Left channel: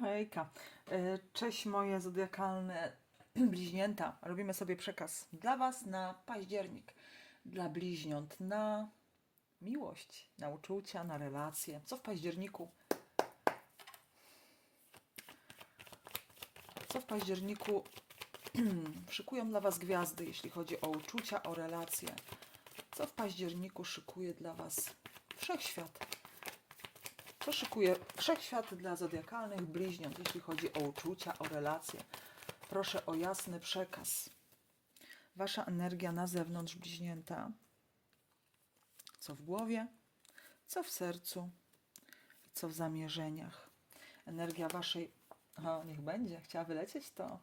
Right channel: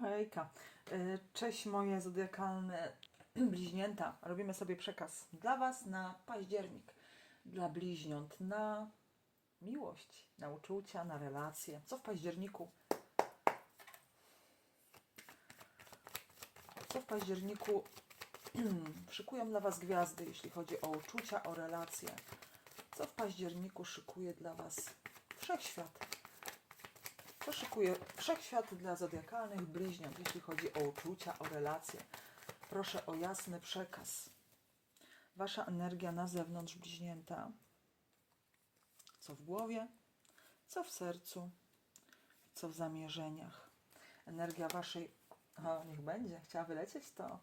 No hejka. E, Cześć moje zodiakalne bliźnięta. Robimy sobie przekaz dla Was na październik. Dla bliźniąt na miłość, na uczucia, na relacje. Co w październiku? Co w październiku szykują dla Was gwiazdy, jeśli chodzi o uczucia, o relacje? Co w październiku szykuje dla Was wszechświat? Co szykuje wszechświat dla zodiakalnych bliźniąt, jeśli chodzi o uczucia, o relacje? Proszę o jasny przekaz. Wasza energia na zewnątrz bliźnięta. Co w głowie, co w sercu, co w zamierzeniach. Energia waszej. O, niech będzie, chciała wylecieć to.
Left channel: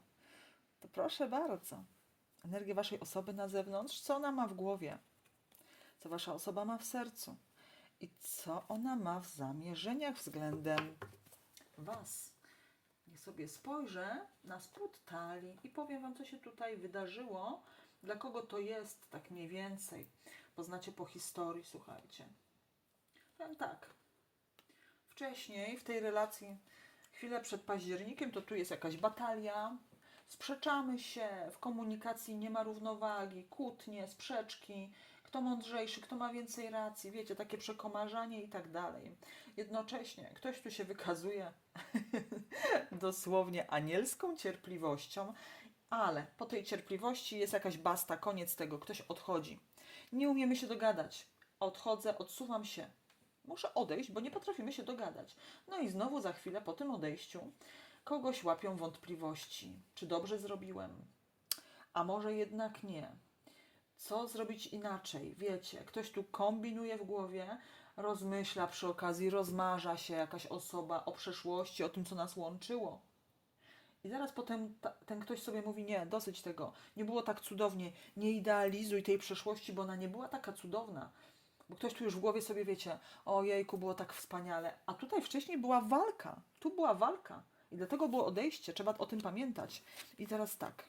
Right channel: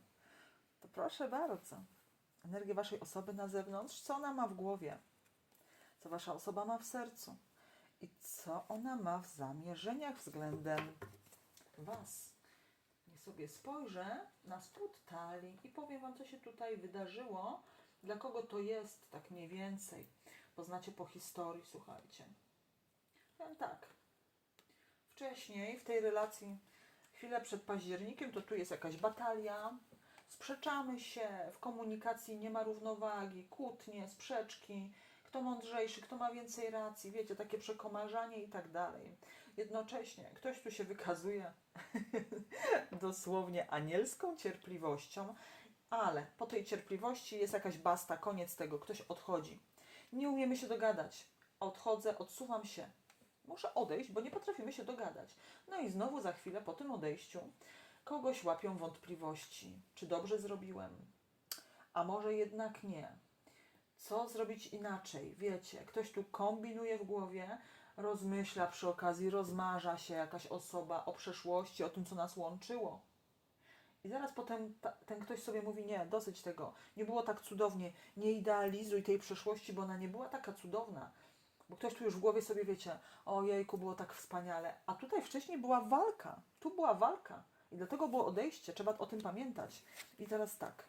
To proszę bardzo. Energię waszej osoby na zewnątrz, co ona ma w głowie, co wasza osoba ma w sercu i co ona ma w zamierzeniach względem Was. Niech sobie spojrzę na spód talii i powiem Wam, co się tutaj wydarzyło, dla kogo to jest, tak mniej więcej. Poznacie po historii, słuchajcie. Powiem tak. Wcześniej w tej relacji, chwilę przed październikiem, to tu jest jakaś batalia, sprzeczamy się, w komunikacji nie ma równowagi, kłótnie, sprzeczki, kto mądrzejszy, kto ma więcej racji, wiecie, takie przekomarzanie i tak dalej. Jednocześnie ktoś tu się wykazuje dosłownie anielską cierpliwością, ale po tej cierpliwości jest jakaś basta, koniec tego, ktoś odchodzi. Nie umiemy się dogadać. Odchodzę, odsuwam się. Muszę odejść, bo nie potrafimy się dogadać. No i znowu za chwilę po tym odejściu kogoś łapią wątpliwości. Czy dobrze zrobiłem? A może jednak nie? Co zrobić inaczej? Wiecie, ktoś tu kombinuje w głowie, rozmyśla przy okazji, rozmarza się jakaś osoba o przeszłości, o tym, co nas łączyło. I zaraz potem ta, ten ktoś sobie mówi: Nie, dosyć tego, nie było tak cudownie, nie idealizuj tej przeszłości, bo ona nie była taka cudowna. Bo ktoś tu już w głowie sobie wiecie: O jejku, było tak wspaniale. A tutaj wcześniej była walka. Tu była walka. I dlatego było odejście. Trzeba o tym pamiętać. I teraz tak.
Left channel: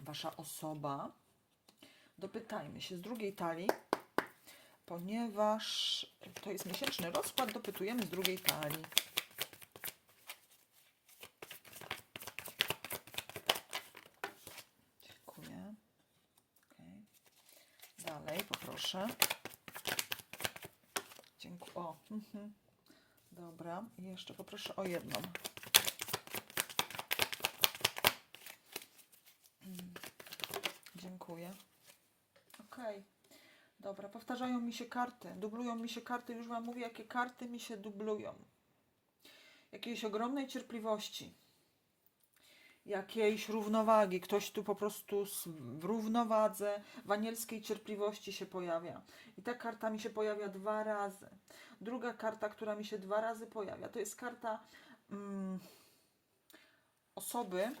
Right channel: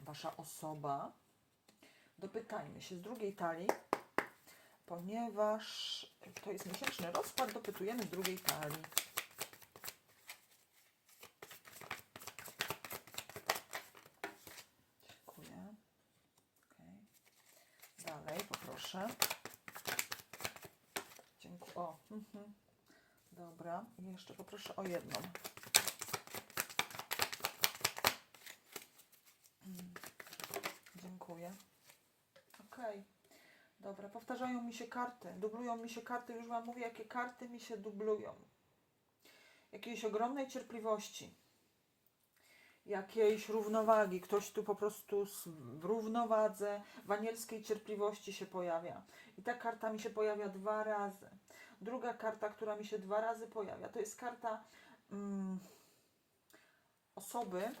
Wasza osoba dopytajmy się z drugiej talii, ponieważ to jest miesięczny rozkład, dopytujemy z drugiej talii. Dziękuję. Okay. Dalej poproszę. Dziękuję. O, mhm. dobra. I jeszcze poproszę o jedną. Mm. Dziękuję. Dobra, powtarzają mi się karty, dublują mi się karty, już Wam mówię, jakie karty mi się dublują. Jakiejś ogromnej cierpliwości, jakiejś równowagi. Ktoś tu po prostu w równowadze, w anielskiej cierpliwości się pojawia. I ta karta mi się pojawia dwa razy. Druga karta, która mi się dwa razy pojawia, to jest karta mm, osoby,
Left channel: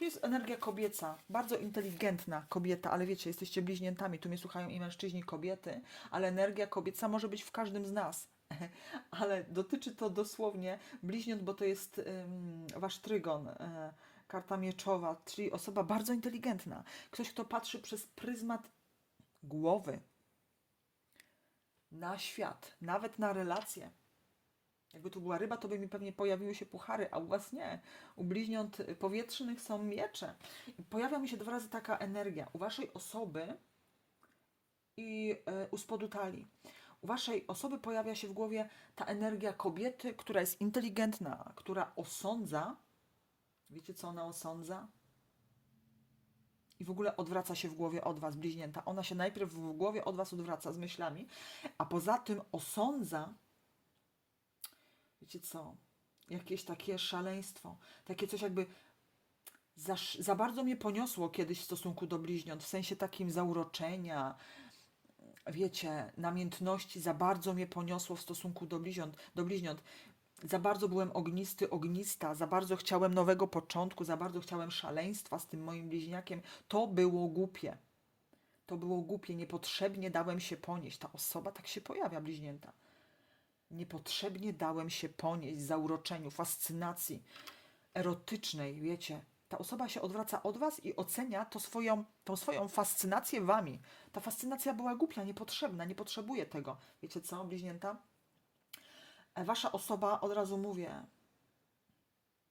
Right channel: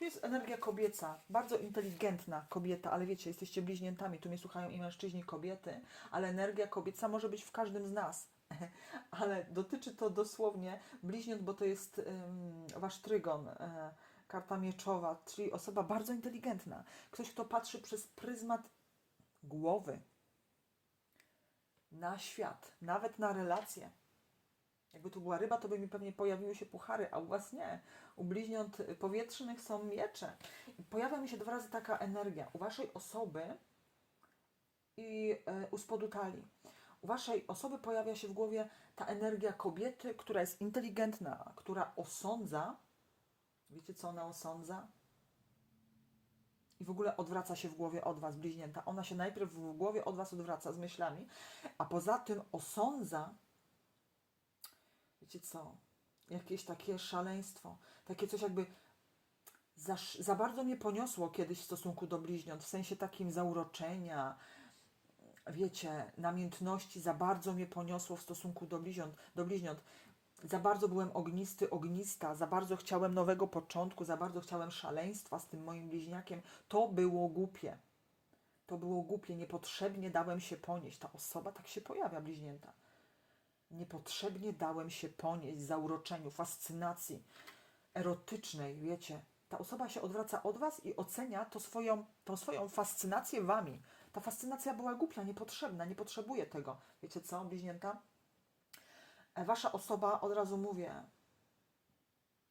to jest energia kobieca, bardzo inteligentna kobieta, ale wiecie, jesteście bliźniętami, tu mnie słuchają i mężczyźni, i kobiety, ale energia kobieca może być w każdym z nas. Ale dotyczy to dosłownie bliźniąt, bo to jest ym, wasz trygon, e, karta mieczowa, czyli osoba bardzo inteligentna. Ktoś, kto patrzy przez pryzmat głowy na świat, nawet na relacje. Jakby tu była ryba, to by mi pewnie pojawiły się puchary, a u was nie. U bliźniąt powietrznych są miecze. Pojawia mi się dwa razy taka energia. U waszej osoby i e, u spodu talii. U waszej osoby pojawia się w głowie ta energia kobiety, która jest inteligentna, która osądza. Wiecie, co ona osądza? I w ogóle odwraca się w głowie od was, bliźnięta. Ona się najpierw w głowie od was odwraca z myślami, a poza tym osądza wiecie co, jakieś takie szaleństwo, takie coś jakby za, za bardzo mnie poniosło kiedyś w stosunku do bliźniąt, w sensie takim zauroczenia, wiecie, namiętności, za bardzo mnie poniosło w stosunku do bliźniąt, do bliźniąt. Za bardzo byłem ognisty, ognista, za bardzo chciałem nowego początku, za bardzo chciałem szaleństwa z tym moim bliźniakiem. To było głupie. To było głupie, niepotrzebnie dałem się ponieść. Ta osoba tak się pojawia, bliźnięta. Niepotrzebnie dałem się ponieść zauroczeniu, fascynacji erotycznej, wiecie. Ta osoba się odwraca od was i ocenia to swoją, tą swoją fascynację wami. Ta fascynacja była głupia, niepotrzebna, nie potrzebuje tego. Wiecie co, bliźnięta? E, Wasza osoba, od razu mówię,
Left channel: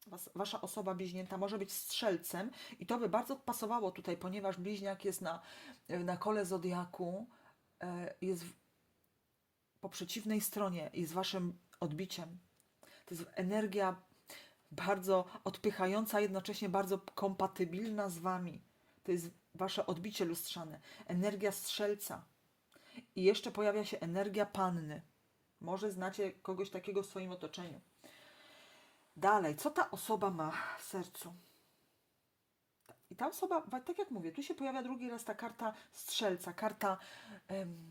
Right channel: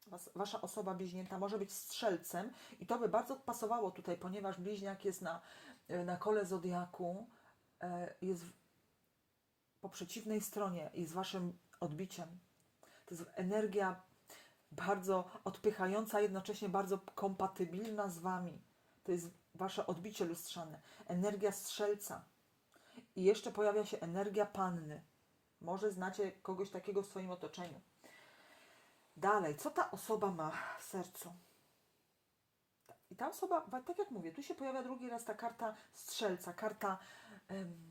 Was, wasza osoba bliźnięta może być strzelcem i to by bardzo pasowało tutaj, ponieważ bliźniak jest na, na kole zodiaku, e, jest po przeciwnej stronie, jest waszym odbiciem. To jest energia bardzo odpychająca, jednocześnie bardzo kompatybilna z wami. To jest wasze odbicie lustrzane. Energia strzelca. I jeszcze pojawia się energia panny. Może znacie kogoś takiego w swoim otoczeniu. Dalej, co ta osoba ma w sercu? Ta osoba, tak jak mówię, tu się pojawia drugi raz ta karta strzelca, karta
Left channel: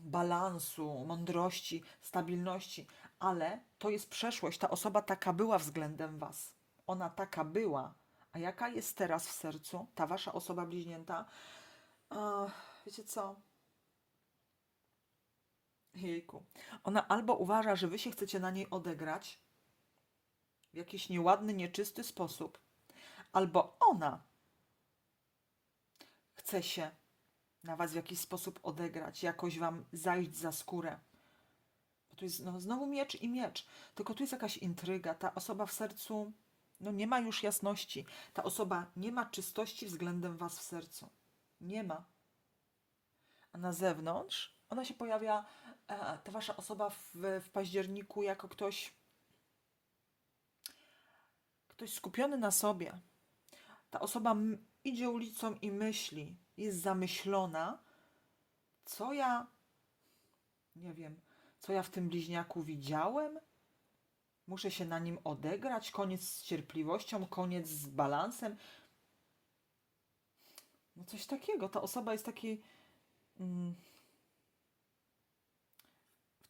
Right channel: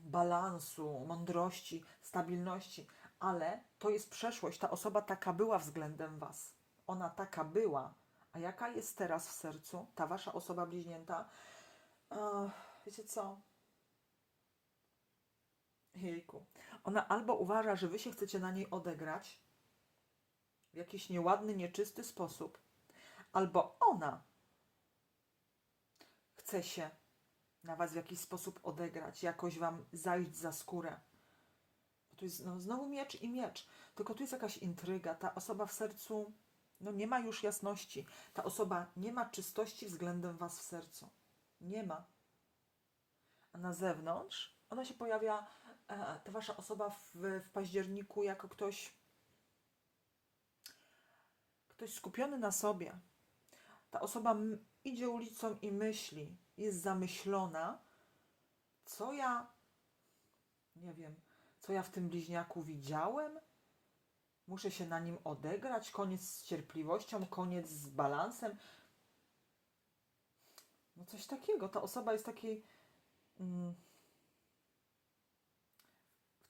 balansu, mądrości, stabilności, ale to jest przeszłość. Ta osoba taka była względem Was. Ona taka była. A jaka jest teraz w sercu? Ta Wasza osoba bliźnięta? Wiecie co? Jejku. Ona albo uważa, że Wy się chcecie na niej odegrać w jakiś nieładny, nieczysty sposób, albo ona chce się na Was w jakiś sposób odegrać, jakoś Wam zajść za skórę. Bo tu jest no, znowu miecz i miecz, tylko tu jest jakaś intryga. Ta osoba w sercu no, nie ma już jasności. Ta osoba nie ma czystości względem Was w sercu. Nie ma. A na zewnątrz ona się pojawia, ta Wasza osoba w, w październiku jako ktoś, ktoś skupiony na sobie. Ta osoba idzie ulicą i myśli, jest zamyślona, co ja, nie wiem, co ja w tym bliźniaku widziałem. Muszę się na nim odegrać, koniec z cierpliwością, koniec z balansem. No coś takiego. Ta osoba jest takiej mm,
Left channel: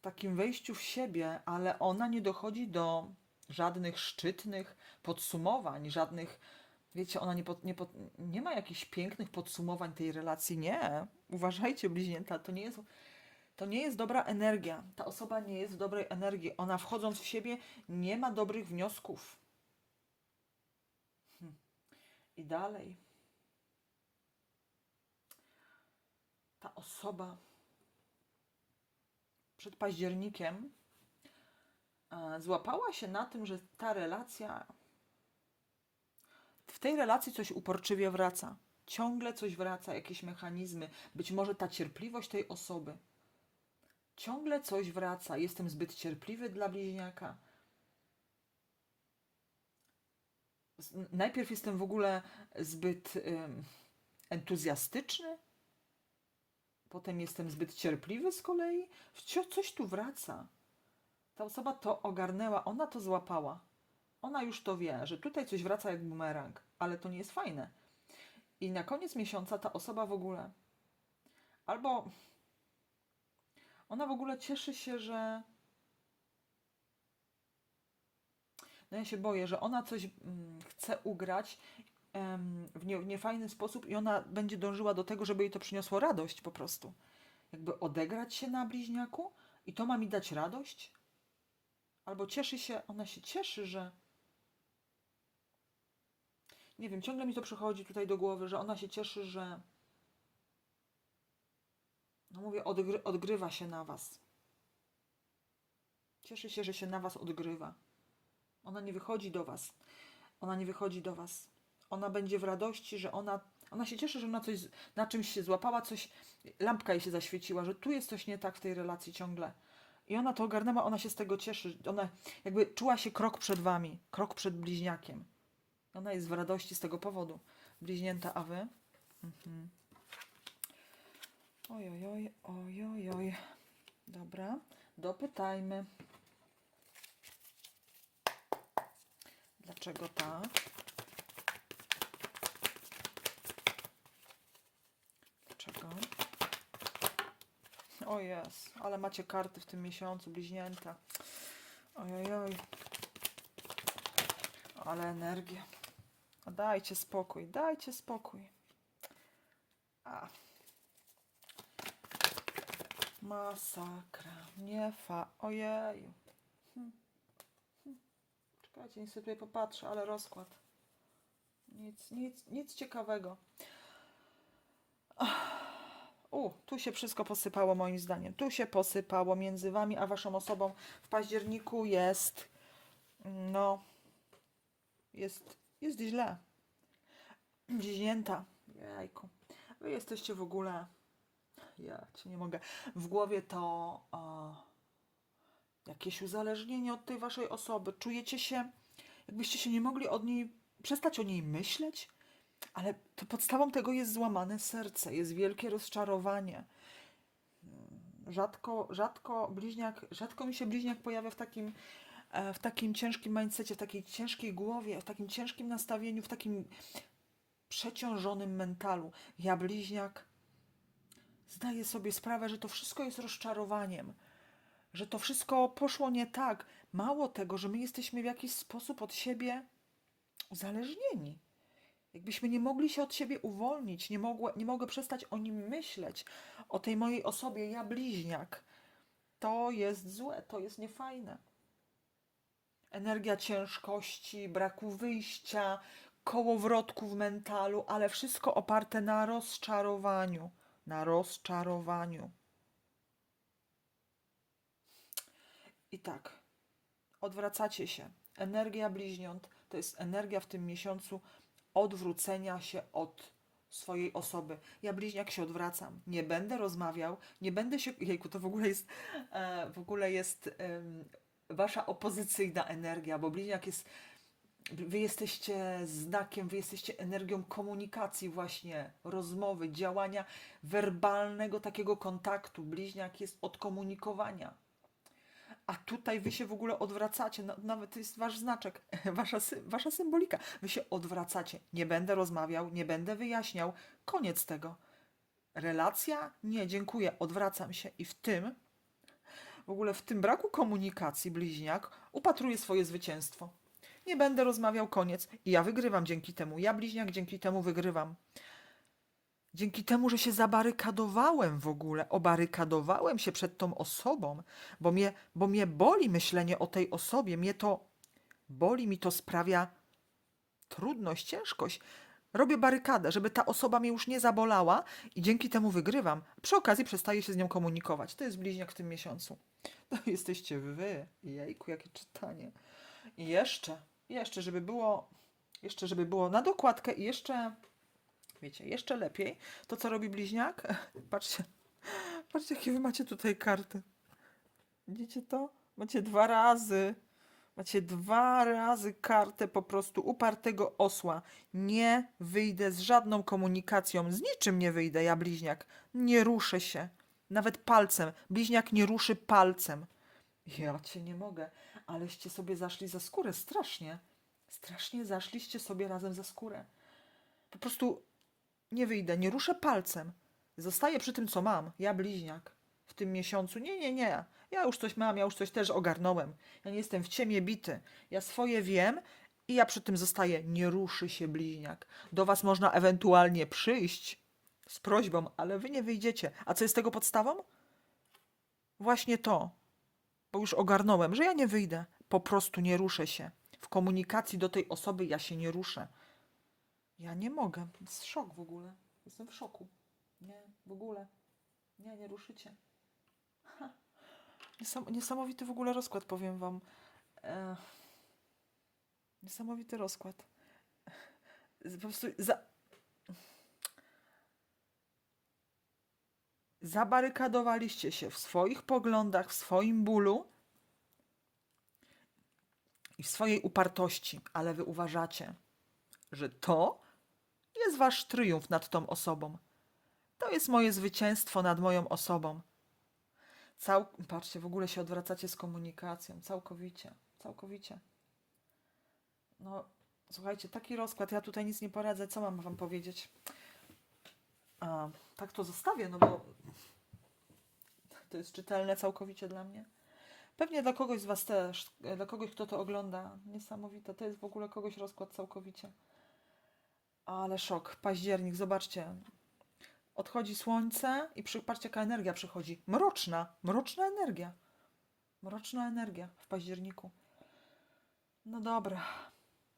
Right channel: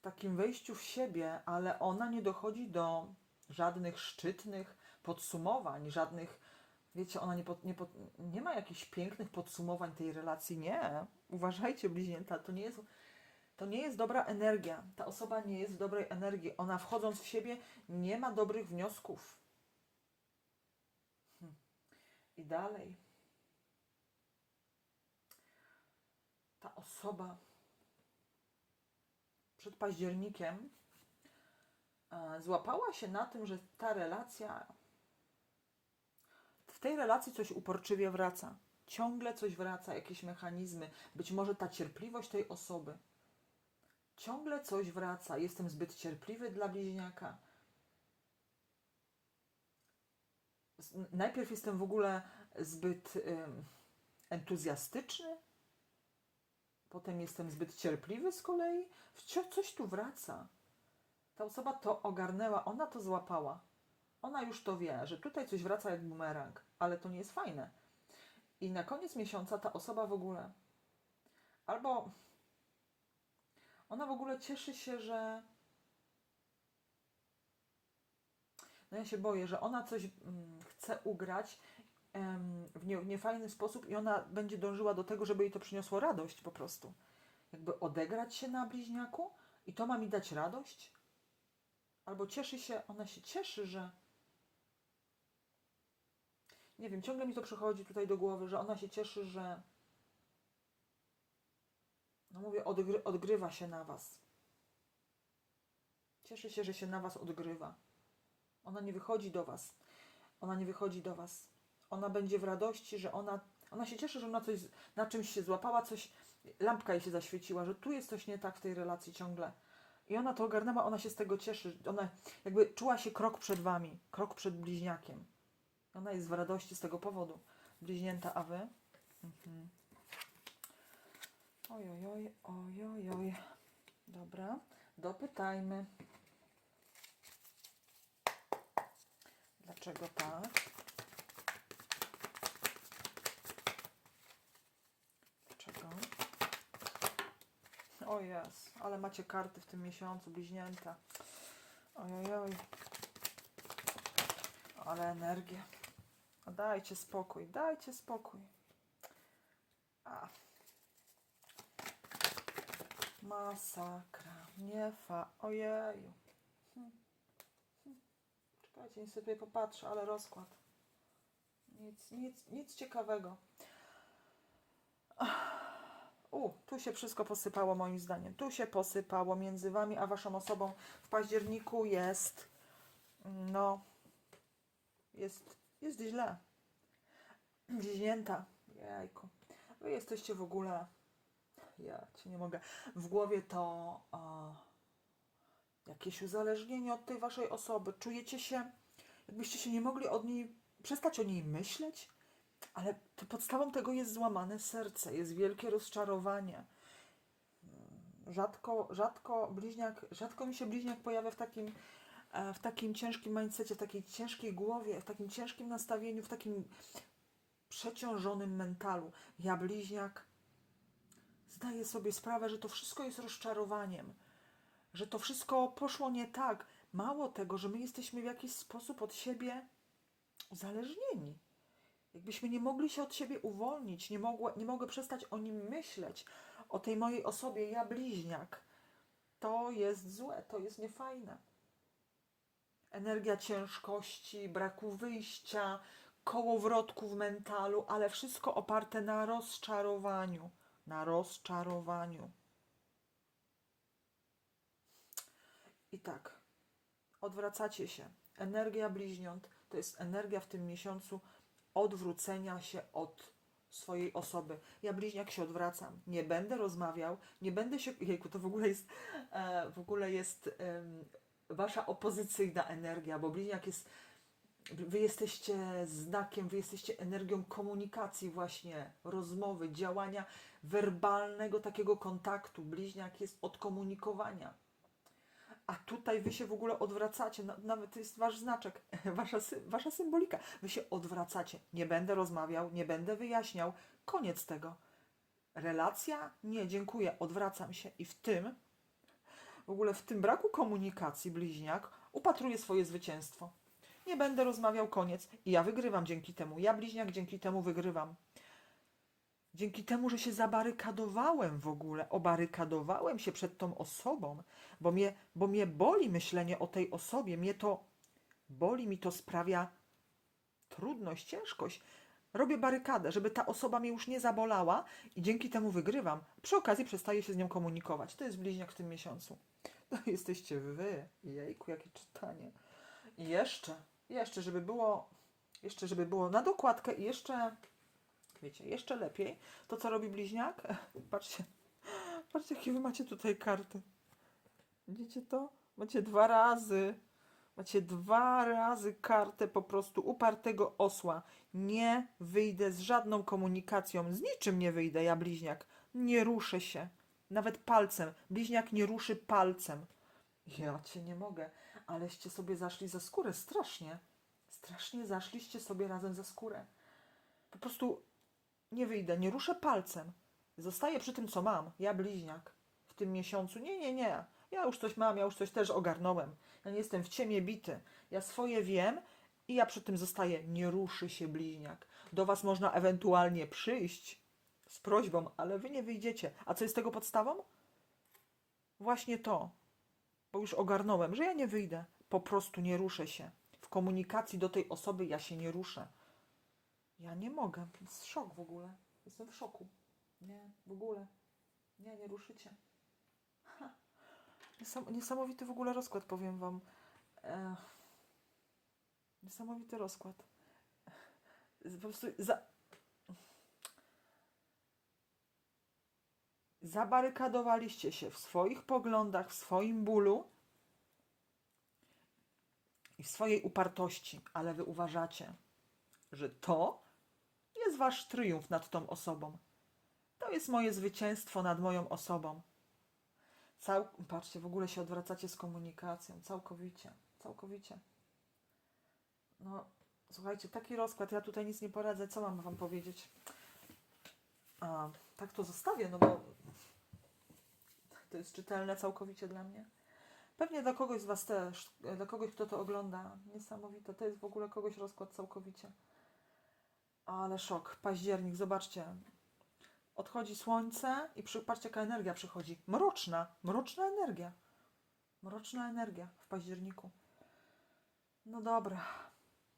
w takim wejściu w siebie, ale ona nie dochodzi do żadnych szczytnych podsumowań, żadnych, wiecie, ona nie, pod, nie, pod, nie ma jakichś pięknych podsumowań tej relacji. Nie. Uważajcie, bliźnięta, to nie jest. To nie jest dobra energia. Ta osoba nie jest w dobrej energii. Ona wchodząc w siebie nie ma dobrych wniosków. Hm. I dalej. Ta osoba przed październikiem złapała się na tym, że ta relacja. Tej relacji coś uporczywie wraca. Ciągle coś wraca, jakieś mechanizmy. Być może ta cierpliwość tej osoby. Ciągle coś wraca. Jestem zbyt cierpliwy dla bliźniaka. Najpierw jestem w ogóle zbyt entuzjastyczny, potem jestem zbyt cierpliwy z kolei. Coś tu wraca. Ta osoba to ogarnęła, ona to złapała. Ona już to wie, że tutaj coś wraca jak bumerang, ale to nie jest fajne. I na koniec miesiąca ta osoba w ogóle albo ona w ogóle cieszy się, że. No ja się boję, że ona coś mm, chce ugrać w, nie, w niefajny sposób i ona będzie dążyła do tego, żeby jej to przyniosło radość po prostu. Jakby odegrać się na bliźniaku i to ma mi dać radość? Albo cieszy się, ona się cieszy, że. Nie wiem, ciągle mi to przychodzi tutaj do głowy, że ona się cieszy, że no mówię, odgry, odgrywa się na was. Cieszy się, że się na was odgrywa. Ona nie wychodzi do was. Ona nie wychodzi do was. Ona będzie w radości, że ona. Ona się cieszy, że na, coś, na czymś się złapała, coś. Lampka jej się zaświeciła, że tu jest coś nie tak w tej relacji ciągle. I ona to ogarnęła, ona się z tego cieszy. Ona jakby czuła się krok przed wami, krok przed bliźniakiem. Ona jest w radości z tego powodu. Bliźnięta, a wy? Mhm. Oj, oj, oj, oj, oj, oj. Dobra, dopytajmy. Dlaczego tak? Dlaczego? O jest, ale macie karty w tym miesiącu, bliźnięta. Oj, oj, oj. Ale energię. Dajcie spokój, dajcie spokój. A. Masakra. Nie fa. Ojeju. Hm. Hm. Czekajcie, niech sobie popatrzę, ale rozkład. Nic, nic, nic ciekawego. U, tu się wszystko posypało moim zdaniem. Tu się posypało między wami a waszą osobą. W październiku jest, no, jest jest źle. Dziźnięta. Jejku. Wy jesteście w ogóle. Ja cię nie mogę. W głowie to o, jakieś uzależnienie od tej waszej osoby. Czujecie się, jakbyście się nie mogli od niej przestać o niej myśleć, ale to podstawą tego jest złamane serce, jest wielkie rozczarowanie. Rzadko, rzadko bliźniak, rzadko mi się bliźniak pojawia w takim, e, w takim ciężkim mindsetie, w takiej ciężkiej głowie, w takim ciężkim nastawieniu, w takim przeciążonym mentalu. Ja bliźniak zdaję sobie sprawę, że to wszystko jest rozczarowaniem, że to wszystko poszło nie tak. Mało tego, że my jesteśmy w jakiś sposób od siebie uzależnieni. Jakbyśmy nie mogli się od siebie uwolnić, nie, mogła, nie mogę przestać o nim myśleć, o tej mojej osobie, ja bliźniak. To jest złe, to jest niefajne. Energia ciężkości, braku wyjścia, kołowrotku w mentalu, ale wszystko oparte na rozczarowaniu. Na rozczarowaniu. I tak, odwracacie się. Energia bliźniąt to jest energia w tym miesiącu odwrócenia się od swojej osoby. Ja bliźniak się odwracam. Nie będę rozmawiał, nie będę się. Jejku, to w ogóle jest e, w ogóle jest wasza opozycyjna energia, bo bliźniak jest. Wy jesteście znakiem, wy jesteście energią komunikacji, właśnie rozmowy, działania werbalnego, takiego kontaktu. Bliźniak jest od komunikowania. A tutaj wy się w ogóle odwracacie, na- nawet to jest wasz znaczek, wasza, wasza symbolika. Wy się odwracacie. Nie będę rozmawiał, nie będę wyjaśniał. Koniec tego. Relacja? Nie, dziękuję, odwracam się. I w tym, w ogóle w tym braku komunikacji, bliźniak upatruje swoje zwycięstwo. Nie będę rozmawiał, koniec. I ja wygrywam dzięki temu. Ja, bliźniak, dzięki temu wygrywam. Dzięki temu, że się zabarykadowałem w ogóle, obarykadowałem się przed tą osobą, bo mnie, bo mnie boli myślenie o tej osobie, mnie to boli, mi to sprawia trudność, ciężkość. Robię barykadę, żeby ta osoba mnie już nie zabolała i dzięki temu wygrywam. Przy okazji przestaję się z nią komunikować. To jest bliźniak w tym miesiącu. To jesteście wy. Jejku, jakie czytanie. I jeszcze, jeszcze, żeby było, jeszcze, żeby było na dokładkę i jeszcze wiecie, jeszcze lepiej, to co robi bliźniak? Patrzcie, patrzcie, jakie wy macie tutaj karty. Widzicie to? Macie dwa razy, macie dwa razy kartę po prostu upartego osła. Nie wyjdę z żadną komunikacją, z niczym nie wyjdę, ja bliźniak. Nie ruszę się, nawet palcem. Bliźniak nie ruszy palcem. Ja cię nie mogę, aleście sobie zaszli za skórę, strasznie. Strasznie zaszliście sobie razem za skórę. Po prostu nie wyjdę, nie ruszę palcem. Zostaję przy tym, co mam. Ja bliźniak. W tym miesiącu. Nie, nie, nie. Ja już coś mam, ja już coś też ogarnąłem. Ja nie jestem w ciemię bity. Ja swoje wiem i ja przy tym zostaję. Nie ruszy się bliźniak. Do was można ewentualnie przyjść z prośbą, ale wy nie wyjdziecie. A co jest tego podstawą? Właśnie to. Bo już ogarnąłem, że ja nie wyjdę. Po prostu nie ruszę się. W komunikacji do tej osoby ja się nie ruszę. Ja nie mogę. Jest szok w ogóle. Jestem w szoku. Nie, w ogóle. Nie, nie ruszycie. Niesamowity w ogóle rozkład, powiem wam. E, niesamowity rozkład. Po prostu za... Zabarykadowaliście się w swoich poglądach, w swoim bólu i w swojej upartości, ale wy uważacie, że to jest wasz triumf nad tą osobą. To jest moje zwycięstwo nad moją osobą. Cał... Patrzcie, w ogóle się odwracacie z komunikacją. Całkowicie. Całkowicie. No, słuchajcie, taki rozkład. Ja tutaj nic nie poradzę. Co mam wam powiedzieć? A, tak to zostawię, no bo to jest czytelne całkowicie dla mnie. Pewnie dla kogoś z was też. Dla kogoś, kto to ogląda. Niesamowite. To jest w ogóle kogoś rozkład całkowicie. Ale szok. Październik, zobaczcie. Odchodzi słońce i patrzcie, jaka energia przychodzi. Mroczna, mroczna energia. Mroczna energia w październiku. No dobra.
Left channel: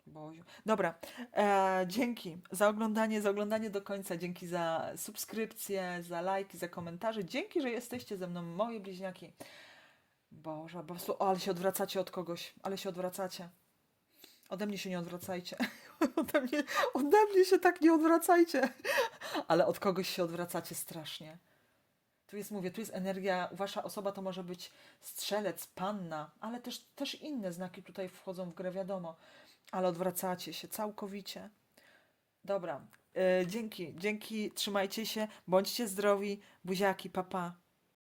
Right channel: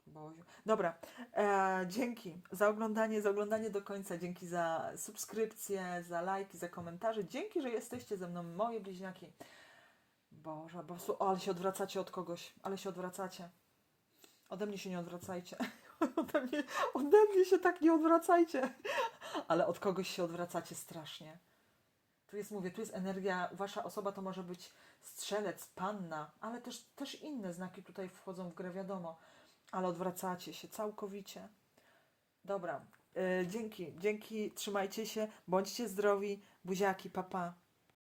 Boziu. Dobra, e, dzięki za oglądanie, za oglądanie do końca, dzięki za subskrypcje, za lajki, za komentarze, dzięki, że jesteście ze mną, moje bliźniaki. Boże, po prostu, o, ale się odwracacie od kogoś, ale się odwracacie. Ode mnie się nie odwracajcie. ode, mnie, ode mnie się tak nie odwracajcie. ale od kogoś się odwracacie strasznie. Tu jest, mówię, tu jest energia, wasza osoba to może być strzelec, panna, ale też, też inne znaki tutaj wchodzą w grę, wiadomo ale odwracacie się całkowicie. Dobra, y, dzięki, dzięki, trzymajcie się, bądźcie zdrowi, buziaki, papa. Pa.